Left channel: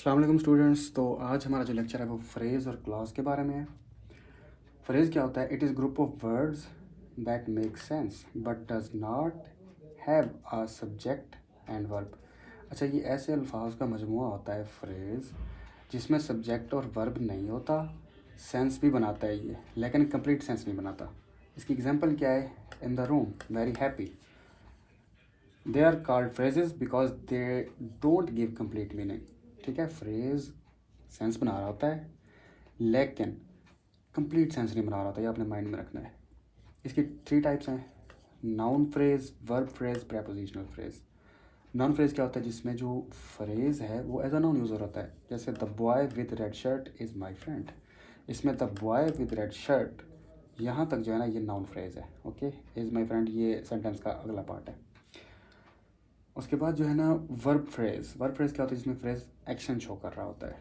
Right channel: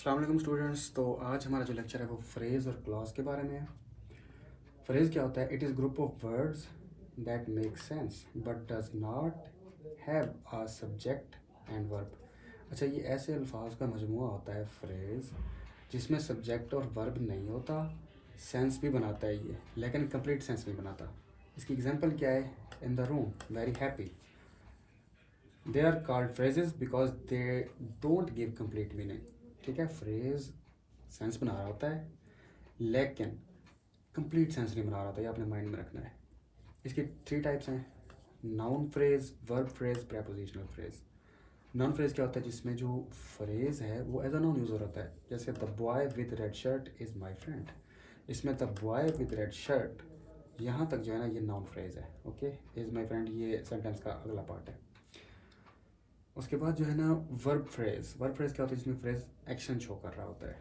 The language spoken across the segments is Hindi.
अस्सलाम वालेकुम स्टूडेंट्स। तो आज हमारा जो लेक्चर है वो फ्रेज़ और क्लॉज के बारे में है। फ्रेज़ क्या होता है? It is group of words that make sense but does not have a subject and verb. अच्छा, ये ऐसे अल्फाज का मजमूआ होता है फ्रेज़ जिसमें सब्जेक्ट और वर्ब नहीं होता, सेंस भी बनाता है ये, लेकिन कंप्लीट सेंस नहीं बनाता। इसकी एग्जांपल क्या है? In the room, very happy. They are called phrases because they don't give complete meaning. ठीक है, फ्रेज सेंस बना रहा होता है लेकिन कंप्लीट सेंस नहीं बना रहा होता, ये आपने माइंड में रखना है। इसकी 3 टाइप्स हैं: noun phrase, verb phrase, prepositional phrase. Noun phrase क्या होता है? जिसमें जो फ्रेज है वो एज अ नाउन यूज़र होता है, जैसे the boy with red shirt is my friend. इसमें the boy with red shirt, यहाँ तक जो है ना ये नाउन फ्रेज है। ओके, इज़ माई फ्रेंड ये सेंटेंस का अगला पार्ट है। उसके बाद जो है ना वर्ब फ्रेज। वर्ब फ्रेज क्या होता है? जिसमें फ्रेज एक्शन शो कर रहा होता है।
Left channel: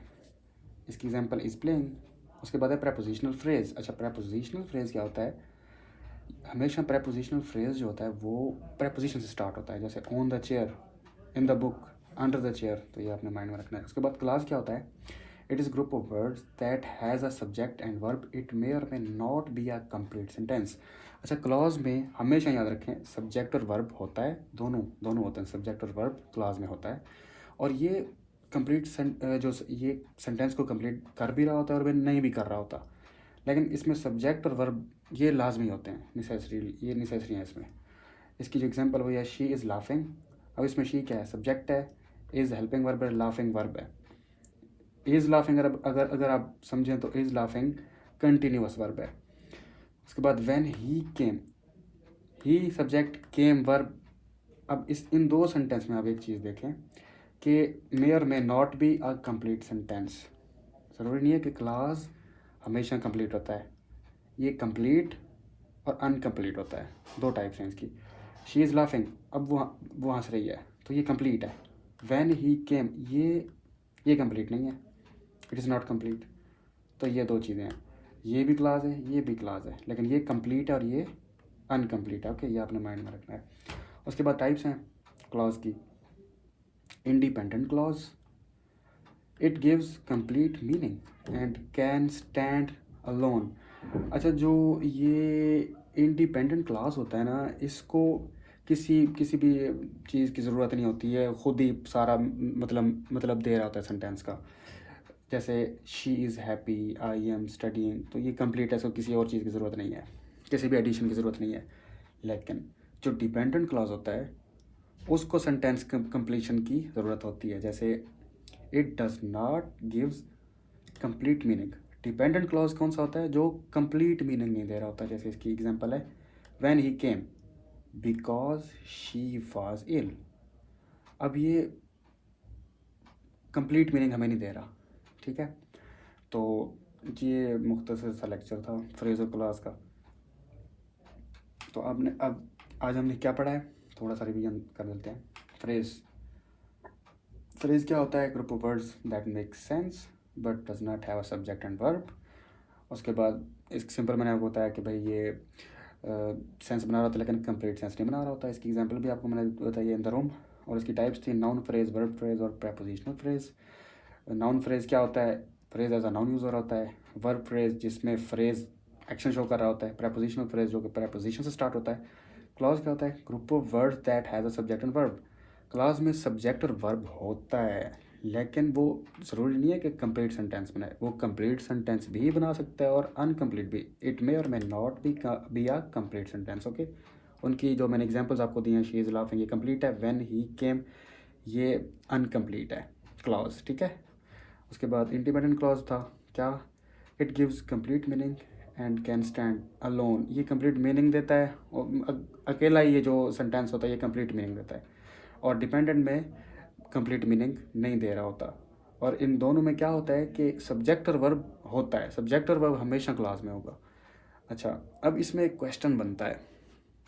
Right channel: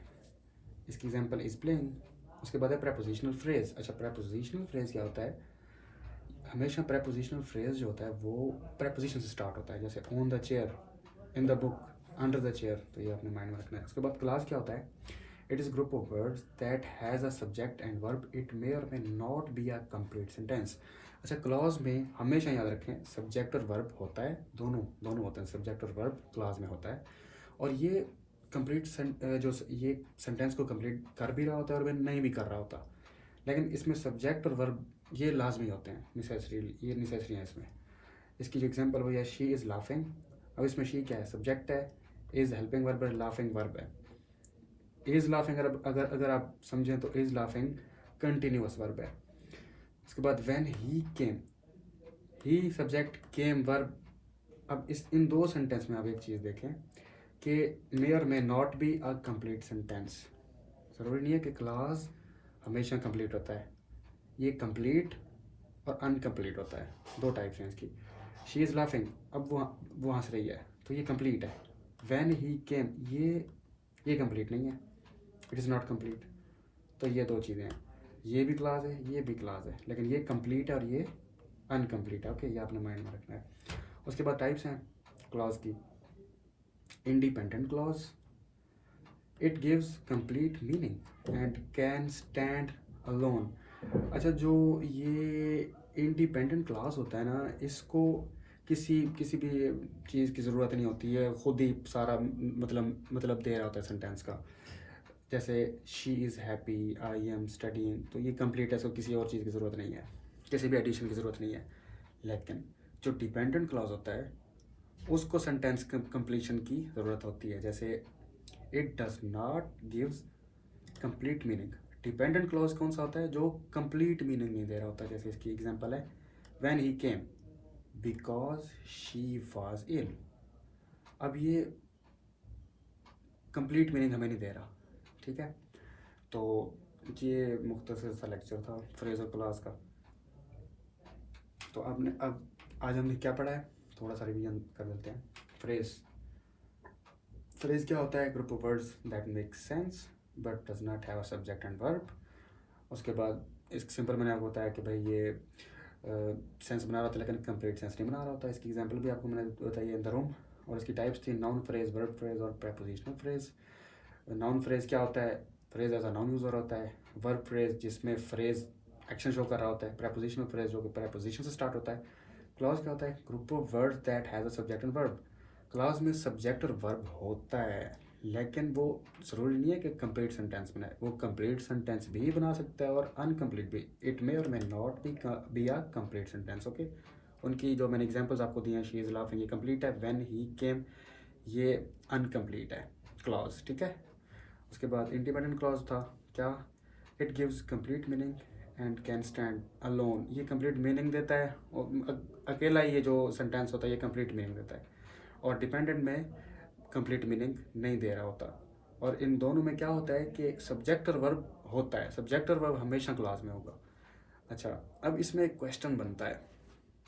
इसकी एग्जांपल इज प्लेइंग। उसके बाद है प्रेपोजिशनल फ्रेज। अच्छा, प्रेपोजिशनल फ्रेज क्या होता है? हमेशा प्रेपोजिशनल फ्रेज जो होता है वो प्रेपोजिशन से स्टार्ट होता है, जैसे on the chair, in the book, under the chair. तो ये आपने माइंड में रखना है। उसके बाद क्लास क्या होता है? It is group of words that has a subject and verb, it may और may not be a complete sentence. अच्छा, क्लॉज में हमेशा याद रखें सब्जेक्ट और वर्ब होता है, दोनों दोनों होते हैं, सब्जेक्ट और वर्ब क्लॉज में होता है। और ये कंप्लीट जो ये सेंटेंस को कंप्लीट कर भी रहा होता है और वह नहीं भी कर रहा होता, लेकिन इसमें सब्जेक्ट और वर्ब ये लाजमी होते हैं, नेसेसरी, ये नेसेसरी है इसमें। इसकी जो एग्जांपल वो है शी इज़ लाफिंग। अब इसमें शी क्या है? सब्जेक्ट है। इज़ हेल्पिंग वर्ब है, लाफिंग वर्ब है। इज़ लाफिंग अगर अगर आप समझें तो इज़ लाफिंग कंटिन्यूअस वर्ब है। उसके बाद when he came, he subject, came verb. अब इस इन दो सेंटेंस में आप एक चीज़ देखें कि मे और may not be a complete sentence. ज़रूरी नहीं है कि क्लास हमेशा कंप्लीट होता है, ये कंप्लीट और अनकम्प्लीट होता है। 2 टाइप्स हैं इसकी। शी इज़ लाफिंग, अब वो हंस रही है तो ये कंप्लीट है। व्हेन ही केम, ये कंप्लीट नहीं है, इट इज़ नॉट कंप्लीट। तो ये 2 चीज़ें हैं, ये भी क्लास है, ये भी क्लास है, लेकिन ये कंप्लीट है और ये अनकम्प्लीट है। ओके, ये आपने माइंड में रखना है। उसके बाद टाइप्स हैं क्लॉज की। Independent clause, it gives complete meaning and can stand alone. अच्छा, जो ये इंडिपेंडेंट क्लास होता है ना, इसको किसी किसी भी चीज़ की ज़रूरत नहीं होती है, खुद ही सारा मतलब दे रहा होता है सेंटेंस का। जैसे she is happy, I am studying, तो ये कंप्लीट है, सो किसी और चीज़ की ज़रूरत नहीं है, किसी भी एडिशन की ज़रूरत नहीं है। लेकिन जो डिपेंडेंट क्लॉज होता है उसको सेंटेंस कंप्लीशन की ज़रूरत होती है, जैसे it does not gives complete meaning. Dependent clause कौन सा होता है? जो कंप्लीट मीनिंग नहीं दे रहा होता। जैसे इसकी एग्जांपल है when he came because she was ill. अब ये कंप्लीट मीनिंग हमें नहीं दे रहा। ठीक है, तो ये मुख्तसर सा लेक्चर था फ्रेज और क्लॉज का। तो अब आज हमने क्या पढ़ा है, थोड़ा सा रिवीजन कर लेते हैं। फ्रेज फ्रेज क्या होता है? Group of words that make sense but does not have a subject and verb. उसके बाद इस सिंपल मैंने आपको बताया कि भाई ये सेंस बना रहा था लेकिन कंप्लीट सेंस नहीं बना रहा होता। इसकी एग्जांपल भी आपको मैंने बताई इन द रूम। और इसकी टाइप्स थी नाउन फ्रेज, वर्ब फ्रेज और प्रेपोजिशनल फ्रेज। नाउन फ्रेज क्या होता है? Phrase as a noun user होता है। वर्ब फ्रेज जिसमें फ्रेज एक्शन शो कर रहा होता है। प्रेपोजिशनल फ्रेज जो कि प्रेपोजिशन से स्टार्ट होता है। क्लॉज क्या होता है? Group of words that has a subject and verb. Clause में सब्जेक्ट और वर्ब होता है, लेकिन वो ज़रूरी नहीं है कि कंप्लीट सेंटेंस बनाए, वो कंप्लीट सेंटेंस भी बना सकता है और अनकम्प्लीट भी। इट मे और may not be a complete sentence. Okay, उनकी जो मैंने एग्जांपल्स आपको दिए हैं, शी इज़ लाफिंग ये कंप्लीट है, व्हेन ही केम ये अनकम्प्लीट है क्लॉज। ठीक है, उसके बाद इंडिपेंडेंट क्लॉज था क्या? It gives complete meaning and can stand alone. ये कंप्लीट मीनिंग देता है और अकेला ही ये जो सेंटेंस होता है ये कंप्लीट मीनिंग देता है। और डिपेंडेंट में कंप्लीट मीनिंग नहीं दे रहा होता। और इन दोनों में क्या होता है कि सब्जेक्ट और वर्ब होता है, सब्जेक्ट और वर्ब हमेशा क्लास में होगा। अच्छा, अब इसमें एक क्वेश्चन बनता है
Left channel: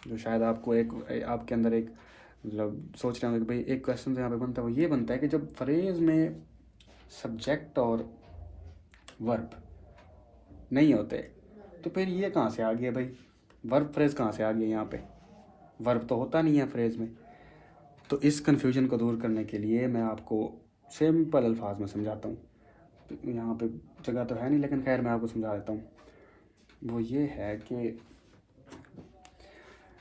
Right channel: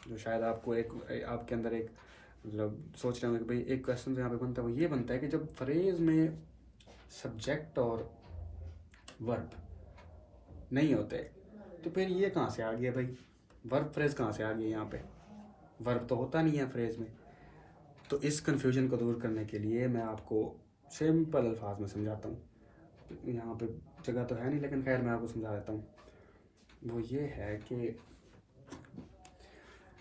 जो शायद आपको एक आपके अंदर एक मतलब सोच रहे होंगे कि भाई एक क्वेश्चन यहाँ पे बनता है, वो ये बनता है कि जब फ्रेज में सब्जेक्ट और वर्ब नहीं होते तो फिर ये कहाँ से आ गया भाई? वर्ब फ्रेज कहाँ से आ गया यहाँ पे? वर्ब तो होता नहीं है फ्रेज में। तो इस कन्फ्यूजन को दूर करने के लिए मैं आपको सिंपल अल्फाज में समझाता हूँ। यहाँ पे जगह तो है नहीं, लेकिन खैर मैं आपको समझा देता हूँ। वो ये है कि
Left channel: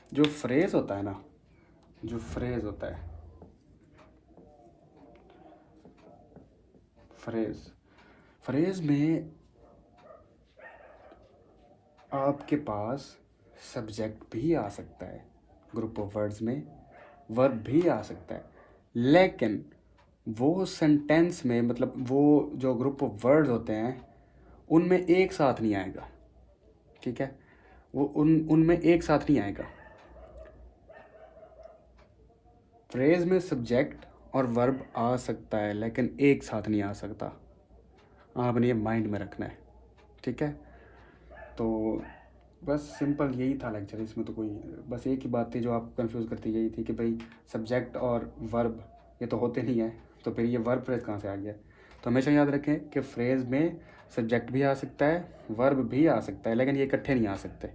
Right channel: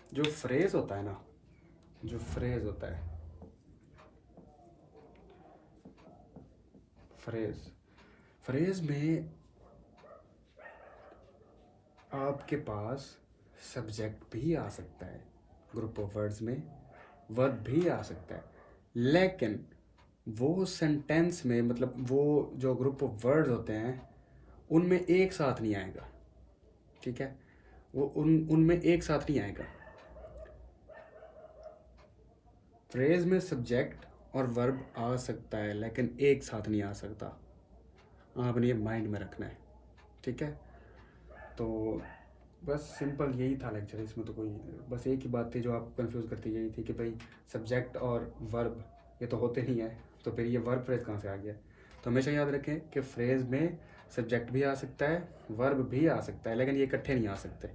जो फ्रेज़ होता है ना, जो फ्रेज़ होता है, फ्रेज़ में आपके पास सब्जेक्ट भी आ सकता है, ग्रुप ऑफ वर्ड्स में वर्ब भी आ सकता है, लेकिन वो सेंटेंस में, मतलब वो जो ग्रुप ऑफ वर्ड्स होते हैं उनमें एक साथ नहीं आएगा। ठीक है, वो उनमें एक साथ नहीं आएगा। फ्रेज में सब्जेक्ट और वर्ब आ सकता है, लेकिन एक साथ नहीं आ सकता। आपने ये माइंड में रखना है। ठीक है, तो बस सिंपल यही था लेक्चर। इसमें तो कोई बस एक ही बात थी जो आपको कंफ्यूज करती, यही थी कि भाई सब्जेक्ट और वर्ब ये तो होते नहीं है, तो फिर ये वर्ब फ्रेज कहाँ से आ गया। तो हमेशा याद रखें कि फ्रेज में सब्जेक्ट भी आ सकता है, वर्ब भी आ सकता है, लेकिन ये इकट्ठे नहीं आ सकते।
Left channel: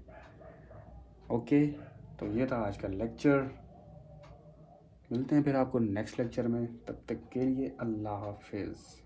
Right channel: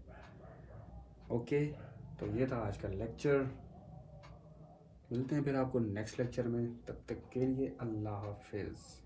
ओके, तो ये था आज का लेक्चर। मिलते हैं फिर आपको नेक्स्ट लेक्चर में, तब तक के लिए अल्लाह हाफिज़।